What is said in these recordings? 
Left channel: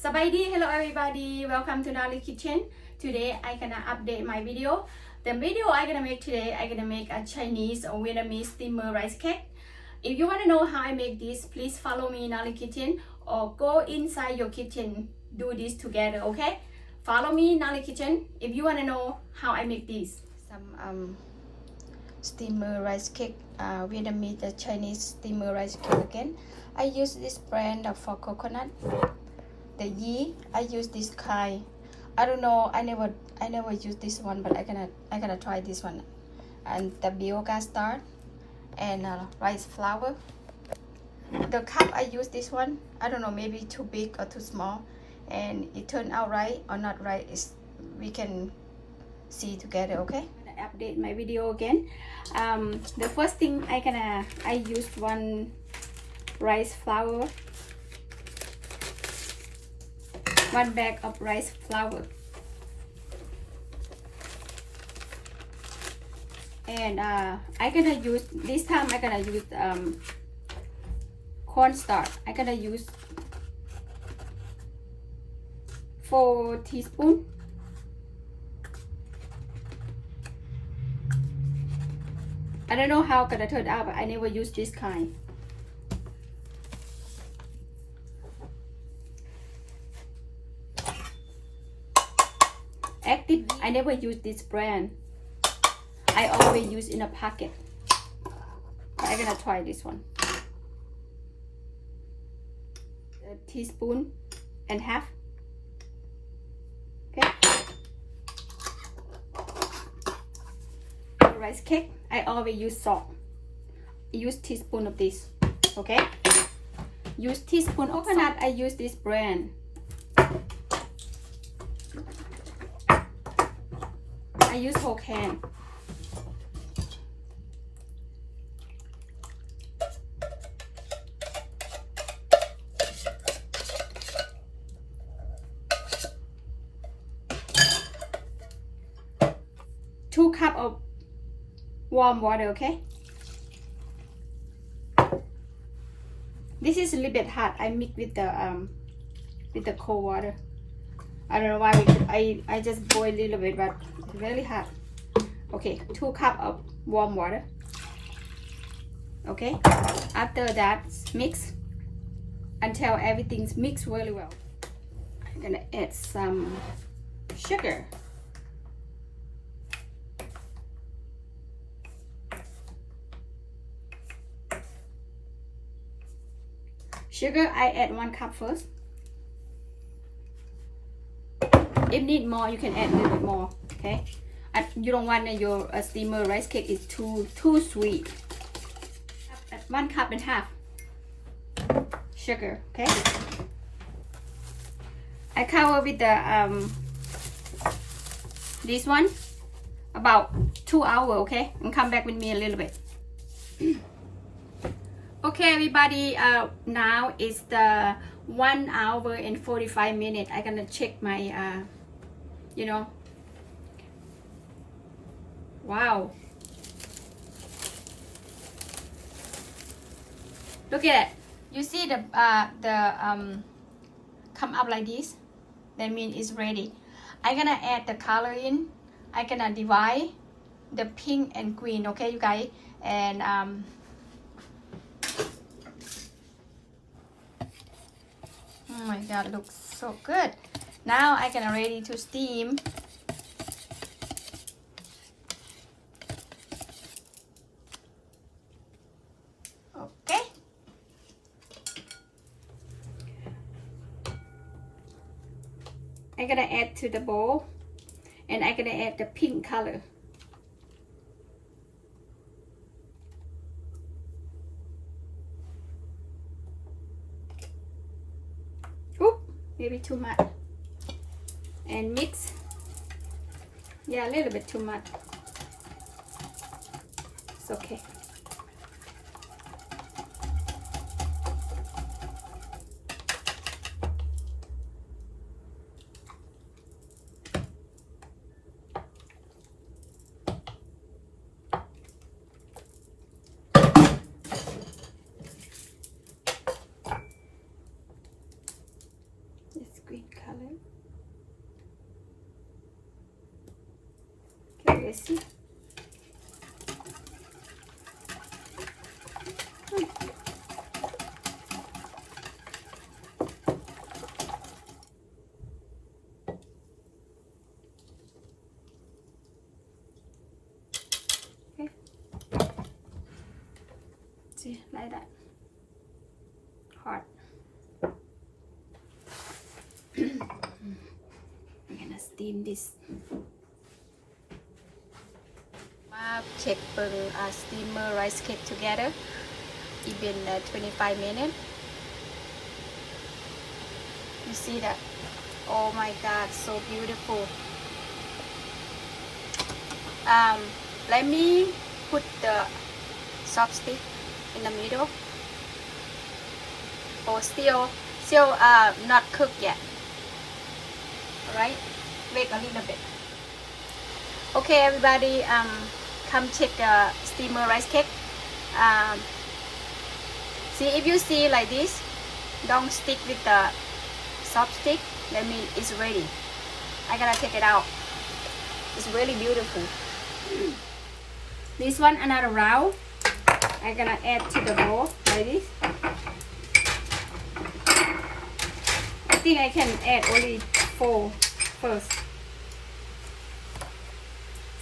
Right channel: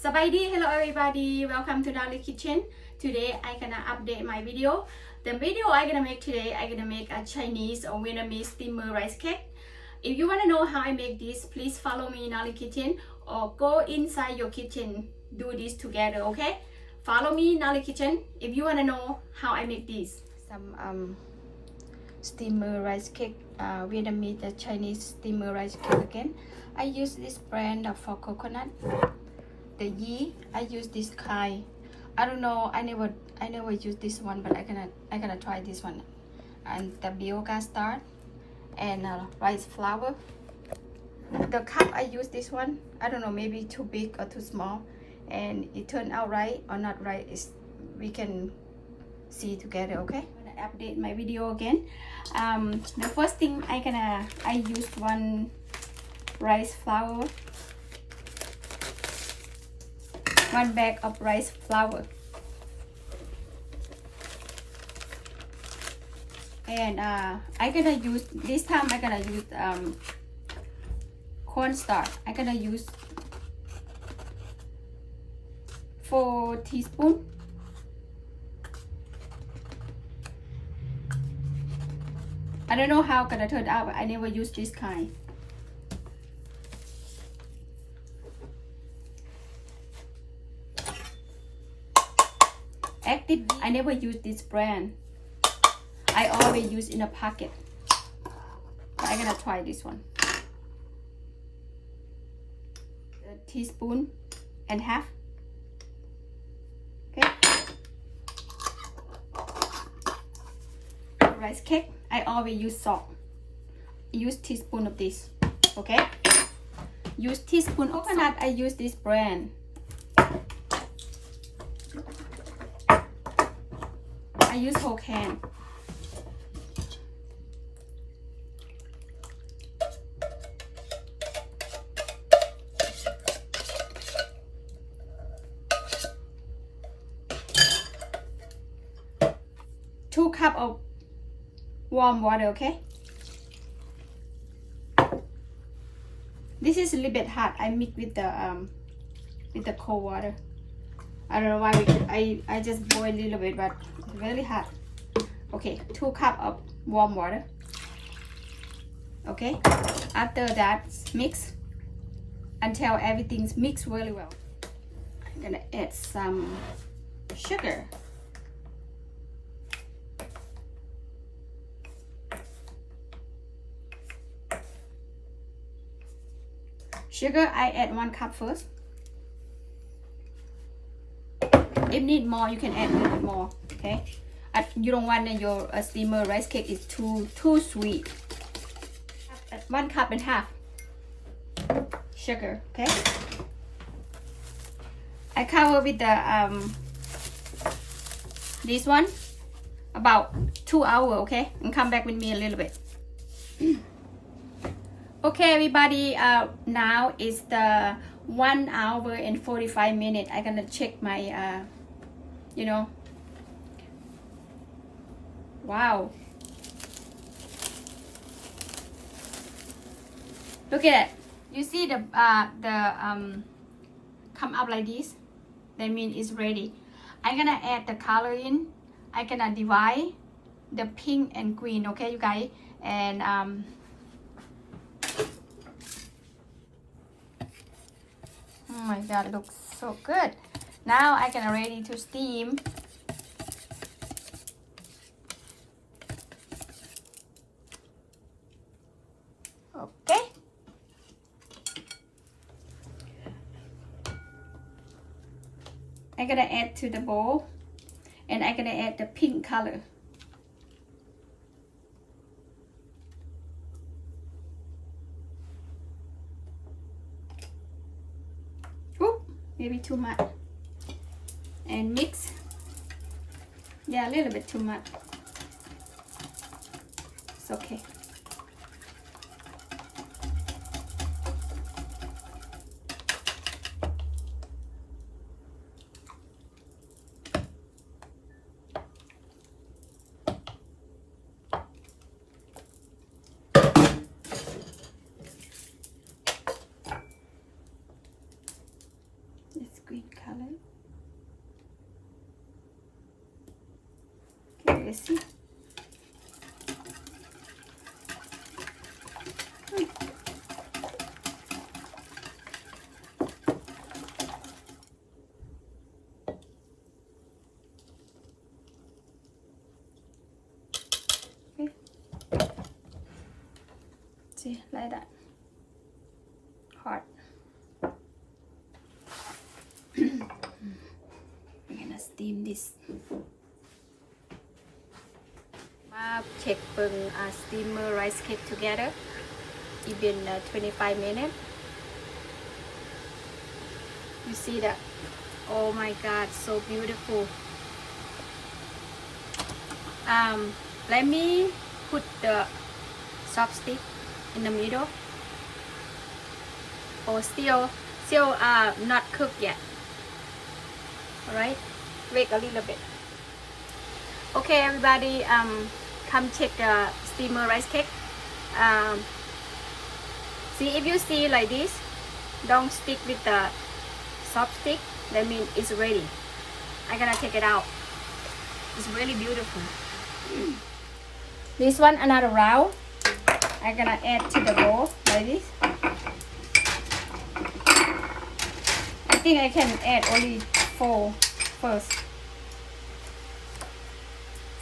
Sabaydi, hello everybody, welcome to Naly kitchen. Today I gonna update my video. The video I gonna make today, I gonna make a Chinese or Vietnamese steamer rice cake. If you wanna know how I make this, please follow me in Naly kitchen or go inside your kitchen, do this together, okay? Follow me in Naly kitchen if you wanna know how I make this. Some steamer rice cake, Vietnamese Chinese steamer rice cake again. I use this brand for coconut. The yeast, I use this kind. I don't know, I never use this one, but I gonna try this one. And the biogas starch and rice flour. The cup I use this one. I don't know, maybe too big or too small, and it turned out right or not right is we can see together. Okay, I'm gonna update my video again. The first thing I use one rice flour. 1 bag of rice flour, and I gonna use this time. I gonna use cornstarch. I gonna use 4 teaspoons. I don't know how gonna turn out, but I never use this kind. I never use this brand. I always use in a packet. I'm gonna try this one. A teaspoon and half. Okay. The rice cake, I always use salt. Use teaspoon of this. Okay. Use teaspoon of coconut. I use this brand. I use whole can. Two cups of warm water, okay? This is a little bit hot. I mix with the cold water. I don't know why I just boil a little bit, but it's really hot. Okay, 2 cups of warm water. Okay, after that, mix until everything's mixed really well. I'm gonna add some sugar. Sugar, I add 1 cup first. If need more, you can add a little bit more. Okay, you don't want your steamer rice cake is too sweet. 1 cup and half sugar. Okay, I cover with the this one about 2 hours. Okay, and come back with me a little bit. Okay, everybody. Now it's the 1 hour and 45 minutes. I'm gonna check my you know, wow, look at it. You see the come up like this, that means it's ready. I'm gonna add the color in. I'm gonna divide the pink and green, okay, you guys, and oh my god, it looks so good. Now I can ready to steam. Okay. I'm gonna add to the bowl, and I'm gonna add the pink color. Ooh, maybe too much. And mix. Yeah, a little bit too much. It's okay. It's green. let's see. See, like that. Hard. I'm gonna steam this. Check steamer rice cake together. It's been 25 minutes. You see that? Oh my God, so beautiful. Let me put the chopstick in the middle. Oh, still not cooked yet. Alright, wait a little bit. Okay, everybody, come check the steamer rice cake. See, if you see like this, don't stick with the chopstick. That means it's ready. I'm gonna take it out. It's really beautiful. This one, another round. I'm gonna add to the bowl like this. I think I can add only 4 first.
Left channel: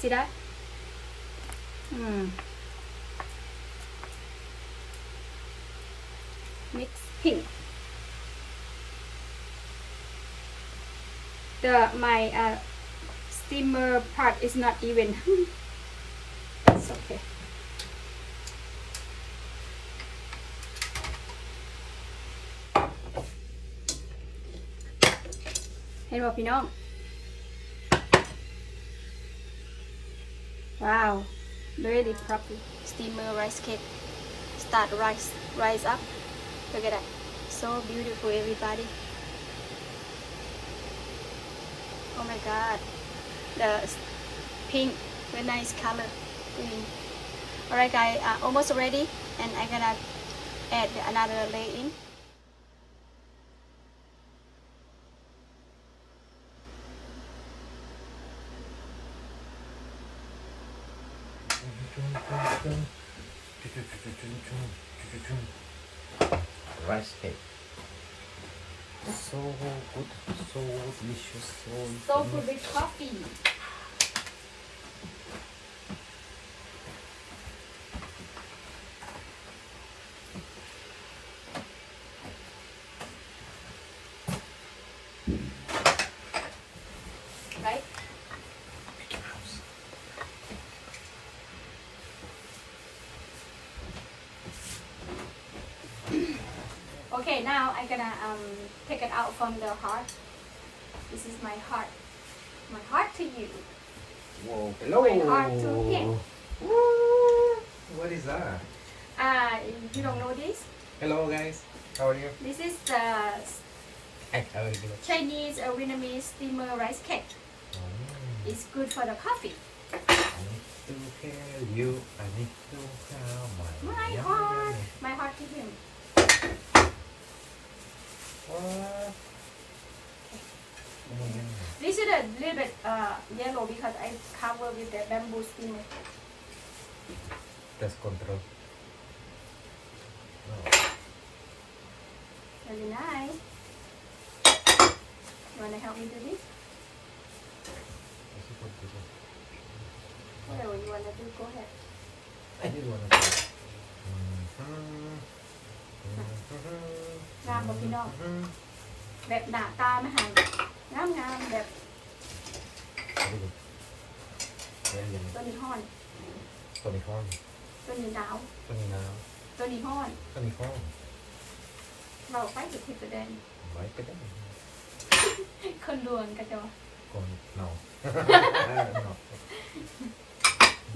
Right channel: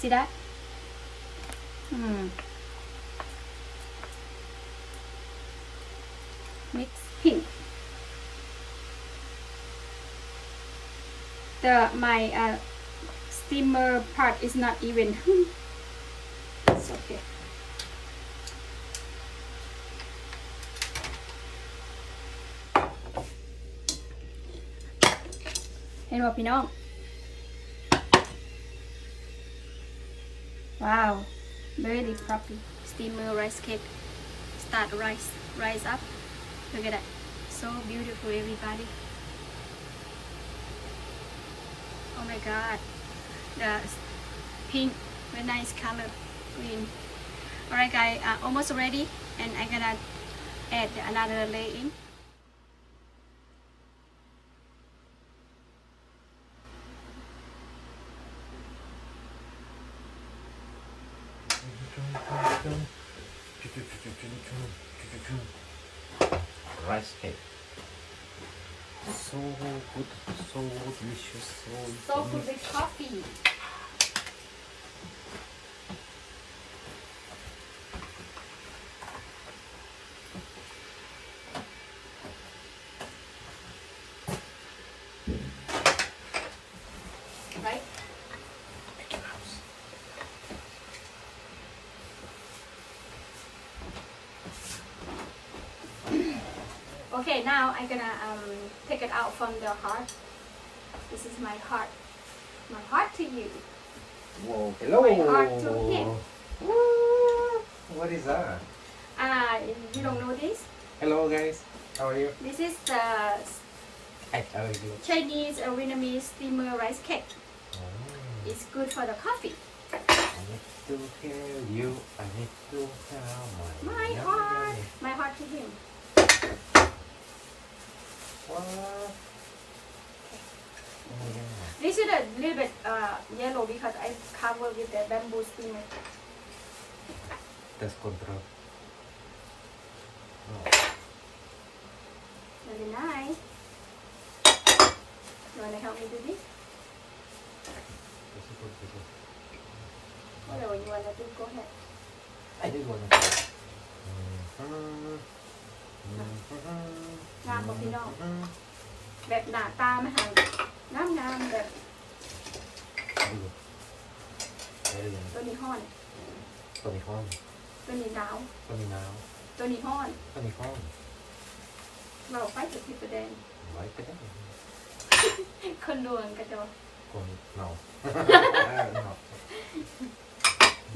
See that? Mix pink. My steamer part is not even. It's okay. เห็นบ่พี่น้อง Wow, really properly. Steamer rice cake. Start rise up. Look at that. So beautiful, everybody. Oh my God. The pink, very nice color. Green. Alright guys, almost ready. And I'm gonna add another layer in. Rice cake. So good, so delicious, So good with coffee. Right? Okay, now I'm gonna take it out from the heart. This is my heart. My heart to you. Whoa, hello. My heart to him. What is that? You don't know this? Hello guys, how are you? This is the Hi, how are you? Chinese or Vietnamese steamer rice cake. Oh. It's good for the coffee. I need to tell you, I need to tell My heart. My heart to him. What? This is a little bit yellow because I cover with the bamboo steamer. Test control. Oh. Really nice. You wanna help me do this? Whatever you wanna do, go ahead. I did want to. งามหมดพี่น้องแบบหน้าตามาให้งามแบบ ตัวนี้ห้อน ตัวนี้ห้อน ตัวนี้หนาว ตัวนี้หนาว ตัวนี้ห้อน ตัวนี้ห้อน เราไปสุดทิศประเด็น ไว้ก็ได้ คนดวงกระจอก คนหนาว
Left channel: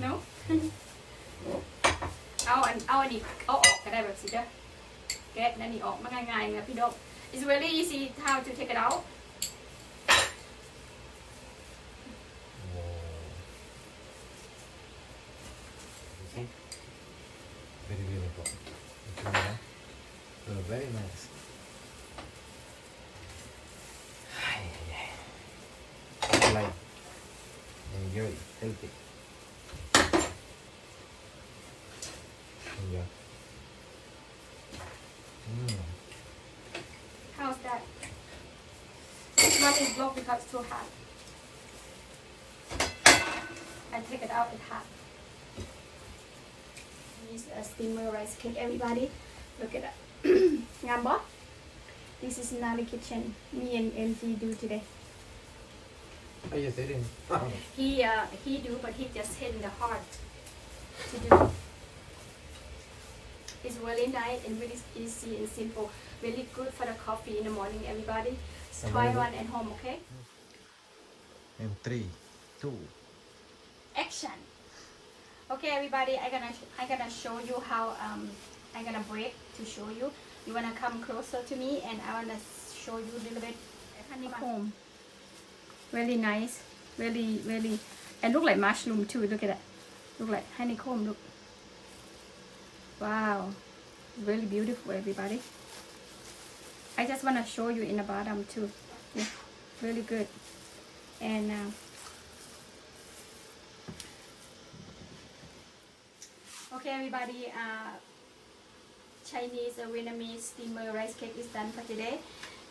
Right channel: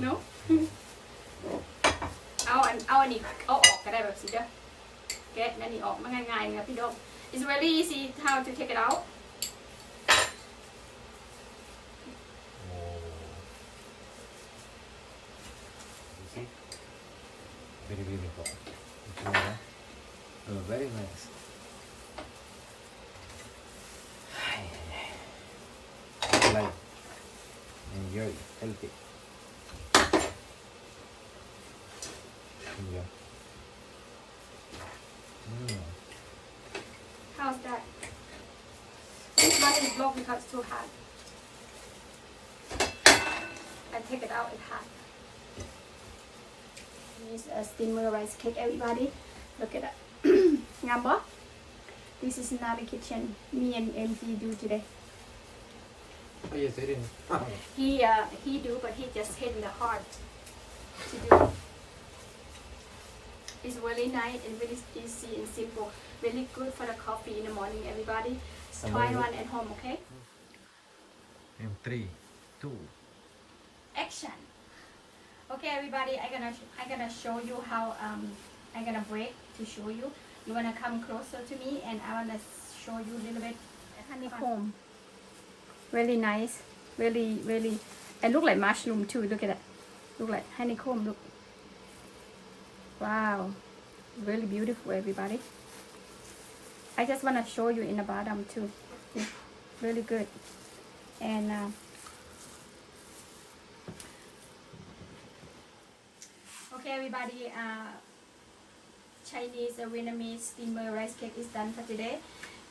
เนาะเอาอันนี้เอาออกก็ได้แบบสิเด้อแกะนั่นนี่ออกมาง่ายๆนะพี่ดอก It's really easy how to take it out. Very beautiful. Very nice. Like enjoy, healthy. Not in block because it's too hot. I take it out, it's hot. This is a steamer rice cake, everybody. Look at that. Ngamba. This is Naly kitchen. Me and MT do today. Oh, yes, I didn't. He do, but he just hitting the hard to do. It's really nice and really easy and simple. Really good for the coffee in the morning, everybody. Try one at home, okay? And 3, 2. Action. Okay, everybody. I gonna show you how I'm gonna break to show you. You wanna come closer to me, and I wanna show you a little bit honeycomb. Really nice. Really, and look like mushroom too. Look at that. Look like honeycomb. Look. Wow. Really beautiful, everybody. I just wanna show you in the bottom too. Yeah, really good. And okay, everybody. Chinese Vietnamese steamer rice cake is done for today,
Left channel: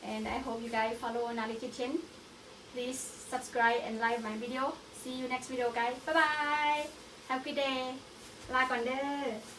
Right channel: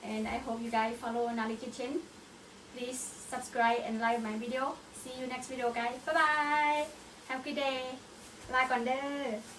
and I hope you guys follow Naly Kitchen. Please subscribe and like my video. See you next video, guys. Bye bye. Have a good day. ลาก่อนเด้อ